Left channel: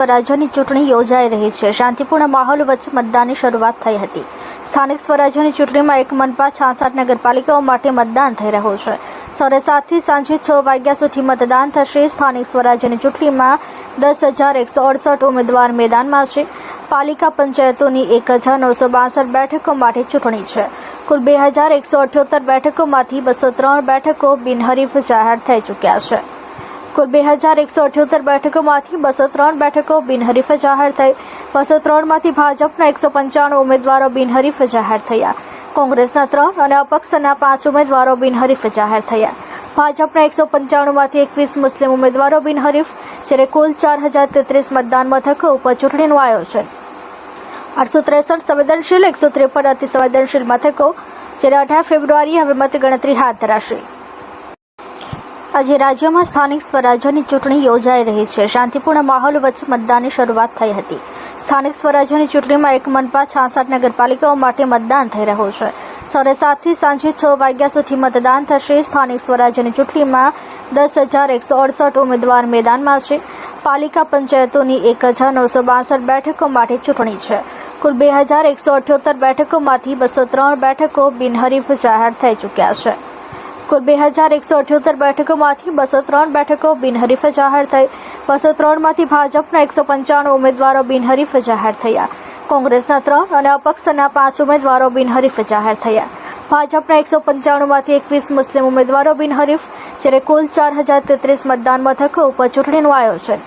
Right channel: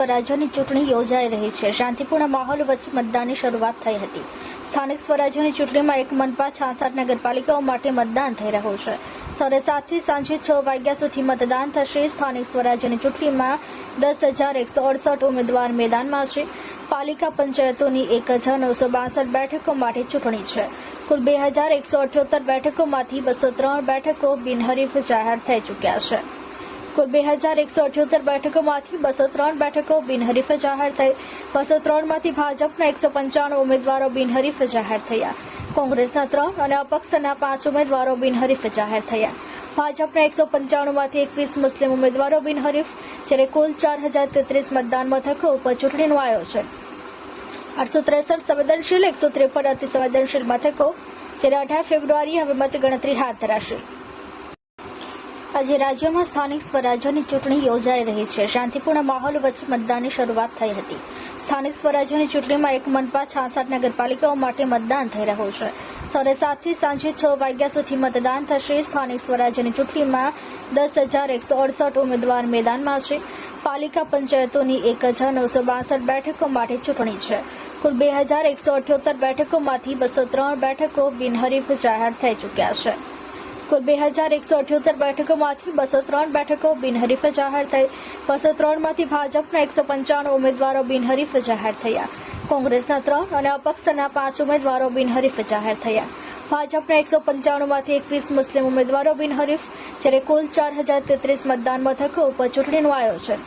સ્વરાજ્યની ચૂંટણી યોજાઈ રહી છે. શાંતિપૂર્ણ માહોલ વચ્ચે મતદાનની શરૂઆત થઈ હતી. સ્થાનિક સ્વરાજ્યની ચૂંટણીમાં એક મનપા છાસઠ નગરપાલિકાઓ માટે મતદાન થઈ રહ્યું છે. સવારે સાતથી સાંજે છ વાગ્યા સુધી મતદાન થશે. સ્થાનિક સ્વરાજ્યની ચૂંટણીમાં દસ હજાર એકસો અડસઠ ઉમેદવાર મેદાનમાં છે. પાલિકા પંચાયતોની એક હજાર નવસો બાસઠ બેઠકો માટે ચૂંટણી છે. કુલ બે હજાર એકસો અઠ્યોતેર બેઠકોમાંથી બસો ત્રણ બેઠકો બિનહરીફ જાહેર થઈ ચૂક્યા છે. કુલ બે હજાર એકસો અઠ્યોતેર બેઠકોમાંથી બસો ત્રણ બેઠકો બિનહરીફ જાહેર થઈ. બસો ત્રણમાંથી ભાજપના એકસો પંચાણું ઉમેદવારો બિનહરીફ જાહેર થયા. કોંગ્રેસના ત્રણ અને અપક્ષના પાંચ ઉમેદવારો બિનહરીફ જાહેર થયા. ભાજપના એકસો પંચાણુંમાંથી એકવીસ મુસ્લિમ ઉમેદવારો બિનહરીફ, જ્યારે કુલ ચાર હજાર તેત્રીસ મતદાન મથકો ઉપર ચૂંટણીનું આયોજન. આઠસો ત્રેસઠ સંવેદનશીલ, એકસો ત્રેપન અતિ સંવેદનશીલ મથકો, જ્યારે અઢાર ફેબ્રુઆરીએ હવે મતગણતરી હાથ ધરાશે. આજે રાજ્યમાં સ્થાનિક સ્વરાજ્યની ચૂંટણી યોજાઈ રહી છે. શાંતિપૂર્ણ માહોલ વચ્ચે મતદાનની શરૂઆત થઈ હતી. સ્થાનિક સ્વરાજ્યની ચૂંટણીમાં એક મનપા છાસઠ નગરપાલિકાઓ માટે મતદાન થઈ રહ્યું છે. સવારે સાતથી સાંજે છ વાગ્યા સુધી મતદાન થશે. સ્થાનિક સ્વરાજ્યની ચૂંટણીમાં દસ હજાર એકસો અડસઠ ઉમેદવાર મેદાનમાં છે. પાલિકા પંચાયતોની એક હજાર નવસો બાસઠ બેઠકો માટે ચૂંટણી છે. કુલ બે હજાર એકસો અઠ્યોતેર બેઠકોમાંથી બસો ત્રણ બેઠકો બિનહરીફ જાહેર થઈ ચૂક્યા છે. કુલ બે હજાર એકસો અઠ્યોતેર બેઠકોમાંથી બસો ત્રણ બેઠકો બિનહરીફ જાહેર થઈ. બસો ત્રણમાંથી ભાજપના એકસો પંચાણું ઉમેદવારો બિનહરીફ જાહેર થયા. કોંગ્રેસના ત્રણ અને અપક્ષના પાંચ ઉમેદવારો બિનહરીફ જાહેર થયા. ભાજપના એકસો પંચાણુંમાંથી એકવીસ મુસ્લિમ ઉમેદવારો બિનહરીફ, જ્યારે કુલ ચાર હજાર તેત્રીસ મતદાન મથકો ઉપર ચૂંટણીનું આયોજન.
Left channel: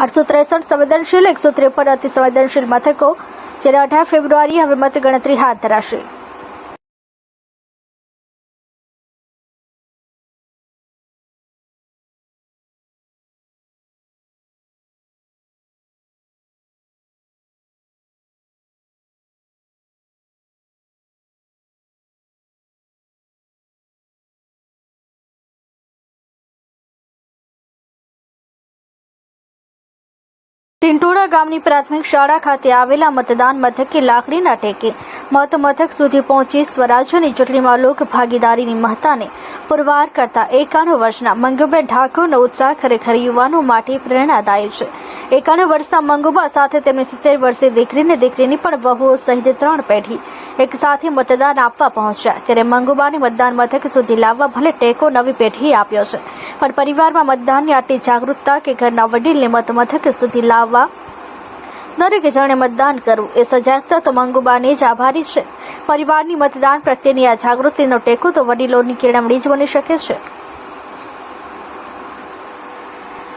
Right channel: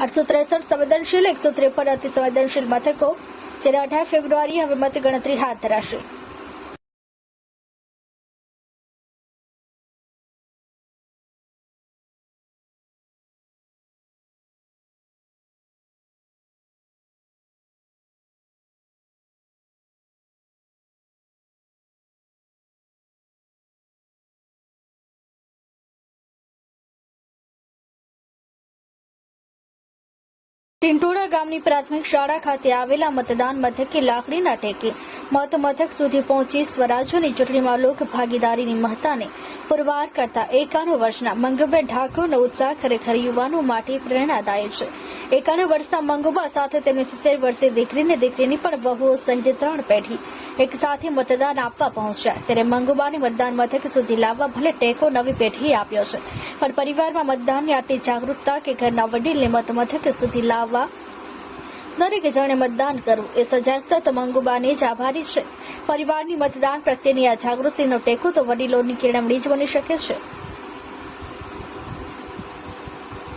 આઠસો ત્રેસઠ સંવેદનશીલ, એકસો ત્રેપન અતિસંવેદનશીલ મથકો, જ્યારે અઢાર ફેબ્રુઆરીએ હવે મતગણતરી હાથ ધરાશે. ટિંટોડા ગામની પ્રાથમિક શાળા ખાતે આવેલા મતદાન મથકે લાકડીના ટેકે મત મથક સુધી પહોંચી સ્વરાજ્યની ચૂંટણીમાં લોક ભાગીદારીની મહત્તાને પુરવાર કરતા એકાણું વર્ષના મંગુબેન ઠાકોરનો ઉત્સાહ ખરેખર યુવાનો માટે પ્રેરણાદાયી છે. એકાણું વર્ષના મંગુબા સાથે તેમની સિત્તેર વર્ષે દીકરીને દીકરીની પણ વહુઓ સહિત ત્રણ પેઢી એક સાથે મતદાન આપવા પહોંચ્યા. ત્યારે મંગુબાને મતદાન મથક સુધી લાવવા ભલે ટેકો નવી પેઢીએ આપ્યો છે. પણ પરિવારમાં મતદાનની આટલી જાગૃતતા કે ઘરના વડીલને મત મથક સુધી લાવવા દરેક જણે મતદાન કરવું એ સજાગતા તો મંગુબાની જ આભારી છે. પરિવારની મતદાન પ્રત્યેની આ જાગૃતિનો ટેકો તો વડીલોની કેળવણી જ બની શકે છે.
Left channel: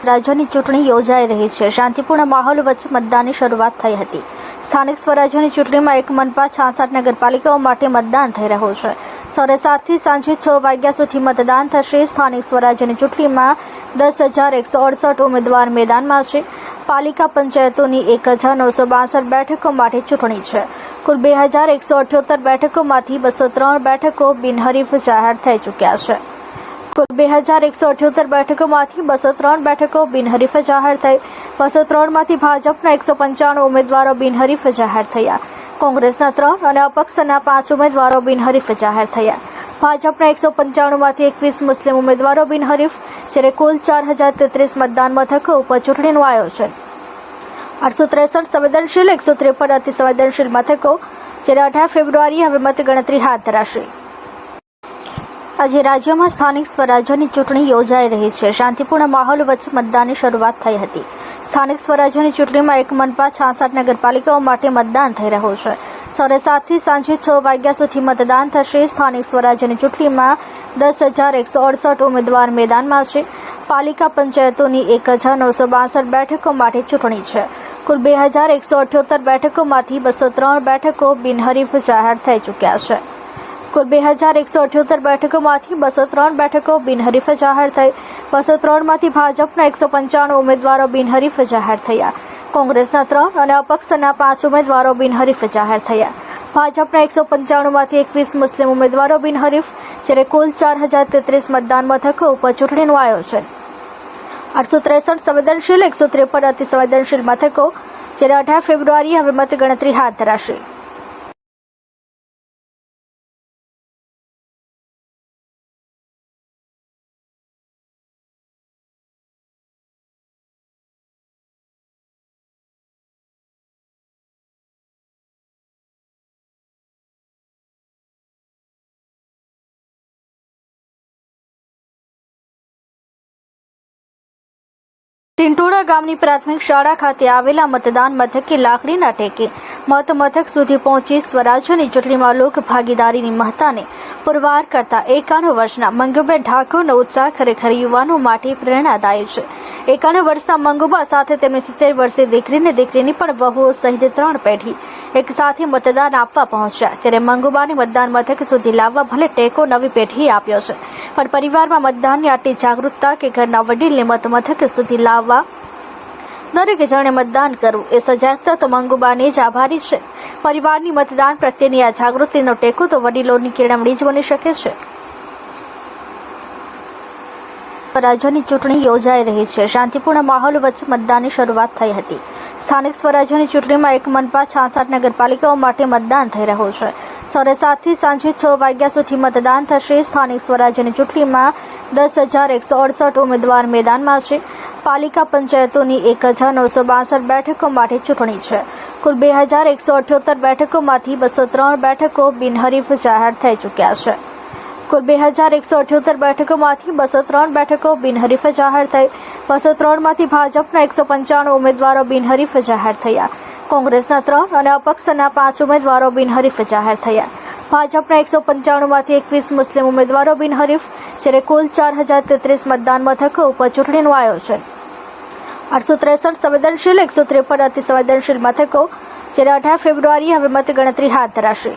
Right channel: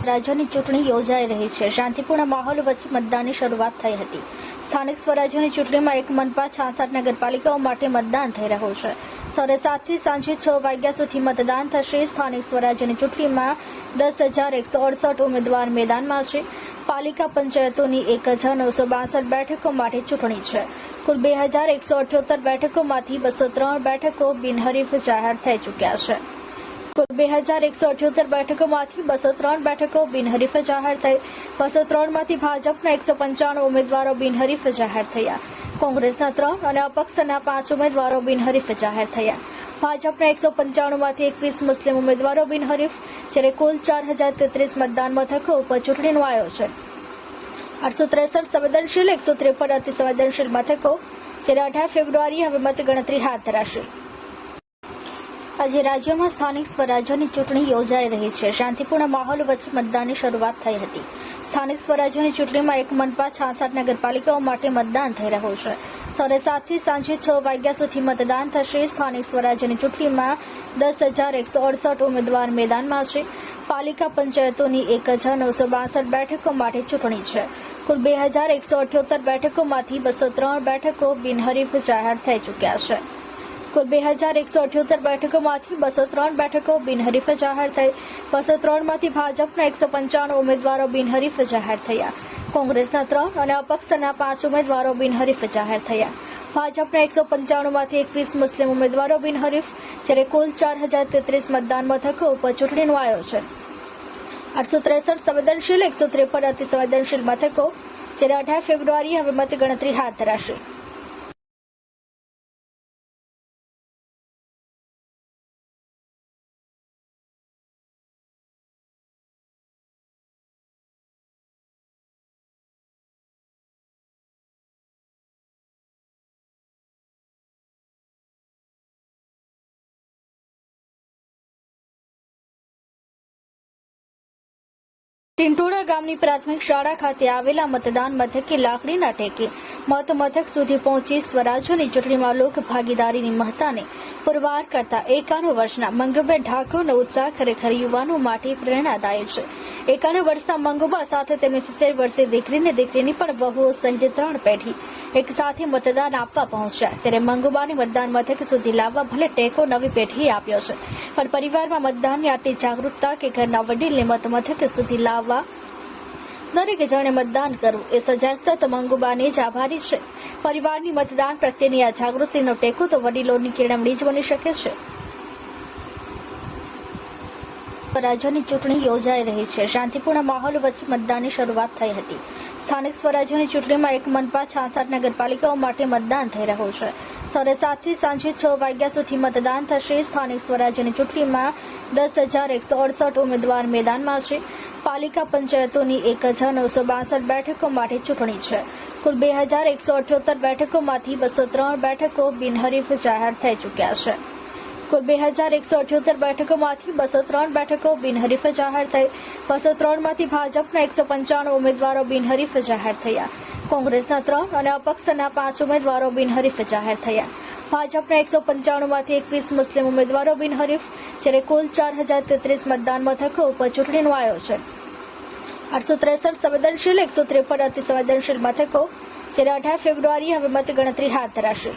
રાજ્યની ચૂંટણી યોજાઈ રહી છે. શાંતિપૂર્ણ માહોલ વચ્ચે મતદાનની શરૂઆત થઈ હતી. સ્થાનિક સ્વરાજ્યની ચૂંટણીમાં એક મનપા છાસઠ નગરપાલિકાઓ માટે મતદાન થઈ રહ્યું છે. સવારે સાતથી સાંજે છ વાગ્યા સુધી મતદાન થશે. સ્થાનિક સ્વરાજ્યની ચૂંટણીમાં દસ હજાર એકસો અડસઠ ઉમેદવાર મેદાનમાં છે. પાલિકા પંચાયતોની એક હજાર નવસો બાસઠ બેઠકો માટે ચૂંટણી છે. કુલ બે હજાર એકસો અઠ્યોતેર બેઠકોમાંથી બસો ત્રણ બેઠકો બિનહરીફ જાહેર થઈ ચૂક્યા છે. કુલ બે હજાર એકસો અઠ્યોતેર બેઠકોમાંથી બસો ત્રણ બેઠકો બિનહરીફ જાહેર થઈ. બસો ત્રણમાંથી ભાજપના એકસો પંચાણું ઉમેદવારો બિનહરીફ જાહેર થયા. કોંગ્રેસના ત્રણ અને અપક્ષના પાંચ ઉમેદવારો બિનહરીફ જાહેર થયા. ભાજપના એકસો પંચાણુંમાંથી એકવીસ મુસ્લિમ ઉમેદવારો બિનહરીફ, જ્યારે કુલ ચાર હજાર તેત્રીસ મતદાન મથકો ઉપર ચૂંટણીનું આયોજન. આઠસો ત્રેસઠ સંવેદનશીલ, એકસો ત્રેપન અતિ સંવેદનશીલ મથકો, જ્યારે અઢાર ફેબ્રુઆરીએ હવે મતગણતરી હાથ ધરાશે. આજે રાજ્યમાં સ્થાનિક સ્વરાજ્યની ચૂંટણી યોજાઈ રહી છે. શાંતિપૂર્ણ માહોલ વચ્ચે મતદાનની શરૂઆત થઈ હતી. સ્થાનિક સ્વરાજ્યની ચૂંટણીમાં એક મનપા છાસઠ નગરપાલિકાઓ માટે મતદાન થઈ રહ્યું છે. સવારે સાતથી સાંજે છ વાગ્યા સુધી મતદાન થશે. સ્થાનિક સ્વરાજ્યની ચૂંટણીમાં દસ હજાર એકસો અડસઠ ઉમેદવાર મેદાનમાં છે. પાલિકા પંચાયતોની એક હજાર નવસો બાસઠ બેઠકો માટે ચૂંટણી છે. કુલ બે હજાર એકસો અઠ્યોતેર બેઠકોમાંથી બસો ત્રણ બેઠકો બિનહરીફ જાહેર થઈ ચૂક્યા છે. કુલ બે હજાર એકસો અઠ્યોતેર બેઠકોમાંથી બસો ત્રણ બેઠકો બિનહરીફ જાહેર થઈ બસો ત્રણમાંથી ભાજપના એકસો પંચાણું ઉમેદવારો બિનહરીફ જાહેર થયા. કોંગ્રેસના ત્રણ અને અપક્ષના પાંચ ઉમેદવારો બિનહરીફ જાહેર થયા. ભાજપના એકસો પંચાણુંમાંથી એકવીસ મુસ્લિમ ઉમેદવારો બિનહરીફ, જ્યારે કુલ ચાર હજાર તેત્રીસ મતદાન મથકો ઉપર ચૂંટણીનું આયોજન. આઠસો ત્રેસઠ સંવેદનશીલ, એકસો ત્રેપન અતિ સંવેદનશીલ મથકો, જ્યારે અઢાર ફેબ્રુઆરીએ હવે મતગણતરી હાથ ધરાશે. ટિંટોડા ગામની પ્રાથમિક શાળા ખાતે આવેલા મતદાન મથકે લાકડીના ટેકે મત મથક સુધી પહોંચી સ્વરાજ્યની ચૂંટણીમાં લોક ભાગીદારીની મહત્તાને પુરવાર કરતા એકાણું વર્ષના મંગુભાઈ ઠાકોરનો ઉત્સાહ ખરેખર યુવાનો માટે પ્રેરણાદાયક છે. એકાણું વર્ષના મંગુબા સાથે તેમની સિત્તેર વર્ષે દીકરીને દીકરીની પણ વહુઓ સહિત ત્રણ પેઢી એક સાથે મતદાન આપવા પહોંચ્યા. ત્યારે મંગુબાને મતદાન મથક સુધી લાવવા ભલે ટેકો નવી પેઢીએ આપ્યો છે. પણ પરિવારમાં મતદાનની આટલી જાગૃતતા કે ઘરના વડીલને મત મથક સુધી લાવવા દરેક જણે મતદાન કરવું એ સજાગતા તો મંગુબાને જ આભારી છે. પરિવારની મતદાન પ્રત્યેની આ જાગૃતિનો ટેકો તો વડીલોની કેળવણી જ બની શકે છે. રાજ્યની ચૂંટણી યોજાઈ રહી છે. શાંતિપૂર્ણ માહોલ વચ્ચે મતદાનની શરૂઆત થઈ હતી. સ્થાનિક સ્વરાજ્યની ચૂંટણીમાં એક મનપા છાસઠ નગરપાલિકાઓ માટે મતદાન થઈ રહ્યું છે. સવારે સાતથી સાંજે છ વાગ્યા સુધી મતદાન થશે. સ્થાનિક સ્વરાજ્યની ચૂંટણીમાં દસ હજાર એકસો અડસઠ ઉમેદવાર મેદાનમાં છે. પાલિકા પંચાયતોની એક હજાર નવસો બાસઠ બેઠકો માટે ચૂંટણી છે. કુલ બે હજાર એકસો અઠ્યોતેર બેઠકોમાંથી બસો ત્રણ બેઠકો બિનહરીફ જાહેર થઈ ચૂક્યા છે. કુલ બે હજાર એકસો અઠ્યોતેર બેઠકોમાંથી બસો ત્રણ બેઠકો બિનહરીફ જાહેર થઈ બસો ત્રણમાંથી ભાજપના એકસો પંચાણું ઉમેદવારો બિનહરીફ જાહેર થયા. કોંગ્રેસના ત્રણ અને અપક્ષના પાંચ ઉમેદવારો બિનહરીફ જાહેર થયા. ભાજપના એકસો પંચાણુંમાંથી એકવીસ મુસ્લિમ ઉમેદવારો બિનહરીફ, જ્યારે કુલ ચાર હજાર તેત્રીસ મતદાન મથકો ઉપર ચૂંટણીનું આયોજન. આઠસો ત્રેસઠ સંવેદનશીલ, એકસો ત્રેપન અતિ સંવેદનશીલ મથકો, જ્યારે અઢાર ફેબ્રુઆરીએ હવે મતગણતરી હાથ ધરાશે.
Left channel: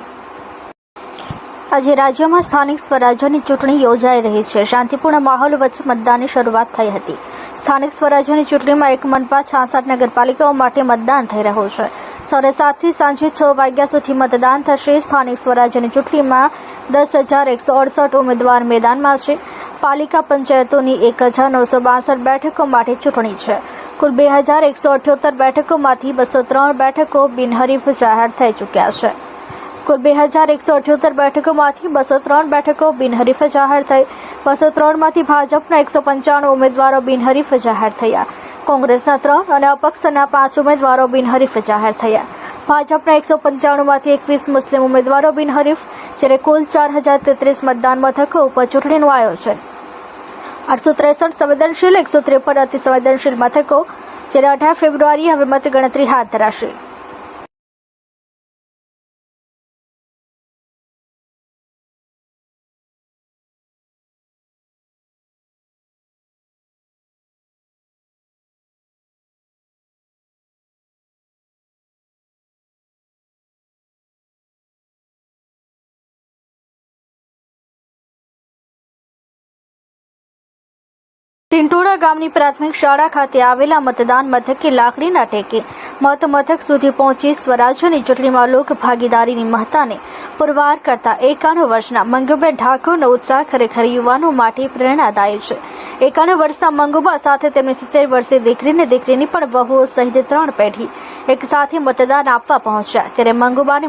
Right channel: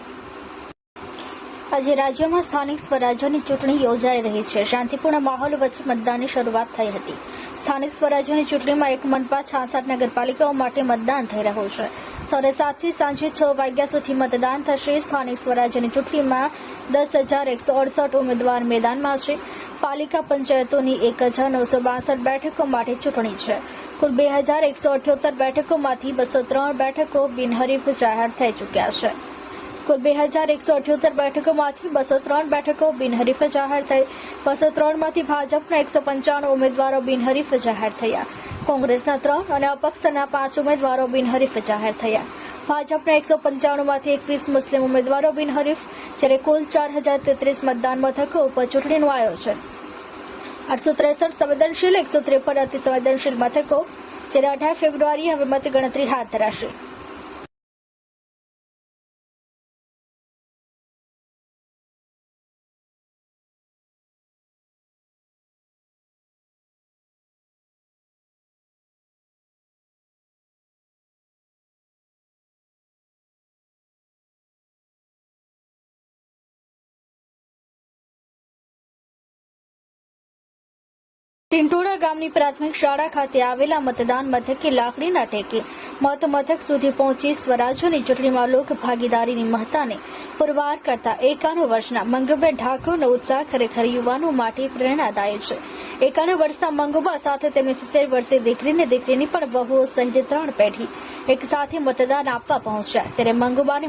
આજે રાજ્યમાં સ્થાનિક સ્વરાજ્યની ચૂંટણી યોજાઈ રહી છે. શાંતિપૂર્ણ માહોલ વચ્ચે મતદાનની શરૂઆત થઈ હતી. સ્થાનિક સ્વરાજ્યની ચૂંટણીમાં એક મનપા છાસઠ નગરપાલિકાઓ માટે મતદાન થઈ રહ્યું છે. સવારે સાતથી સાંજે છ વાગ્યા સુધી મતદાન થશે. સ્થાનિક સ્વરાજ્યની ચૂંટણીમાં દસ હજાર એકસો અડસઠ ઉમેદવાર મેદાનમાં છે. પાલિકા પંચાયતોની એક હજાર નવસો બાસઠ બેઠકો માટે ચૂંટણી છે. કુલ બે હજાર એકસો અઠ્યોતેર બેઠકોમાંથી બસો ત્રણ બેઠકો બિનહરીફ જાહેર થઈ ચૂક્યા છે. કુલ બે હજાર એકસો અઠ્યોતેર બેઠકોમાંથી બસો ત્રણ બેઠકો બિનહરીફ જાહેર થઈ. બસો ત્રણમાંથી ભાજપના એકસો પંચાણું ઉમેદવારો બિનહરીફ જાહેર થયા. કોંગ્રેસના ત્રણ અને અપક્ષના પાંચ ઉમેદવારો બિનહરીફ જાહેર થયા. ભાજપના એકસો પંચાણુંમાંથી એકવીસ મુસ્લિમ ઉમેદવારો બિનહરીફ, જ્યારે કુલ ચાર હજાર તેત્રીસ મતદાન મથકો ઉપર ચૂંટણીનું આયોજન. આઠસો ત્રેસઠ સંવેદનશીલ, એકસો ત્રેપન અતિ સંવેદનશીલ મથકો, જ્યારે અઢાર ફેબ્રુઆરીએ હવે મતગણતરી હાથ ધરાશે. ટિંટોડા ગામની પ્રાથમિક શાળા ખાતે આવેલા મતદાન મથકે લાકડીના ટેકે મત મથક સુધી પહોંચી સ્વરાજ્યની ચૂંટણીમાં લોક ભાગીદારીની મહત્તાને પુરવાર કરતા એકાણું વર્ષના મંગુભાઈ ઠાકોરનો ઉત્સાહ ખરેખર યુવાનો માટે પ્રેરણાદાયક છે. એકાણું વર્ષના મંગુબા સાથે તેમની સિત્તેર વર્ષે દીકરીને દીકરીની પણ વહુઓ સહિત ત્રણ પેઢી એક સાથે મતદાન આપવા પહોંચ્યા. ત્યારે મંગુબાને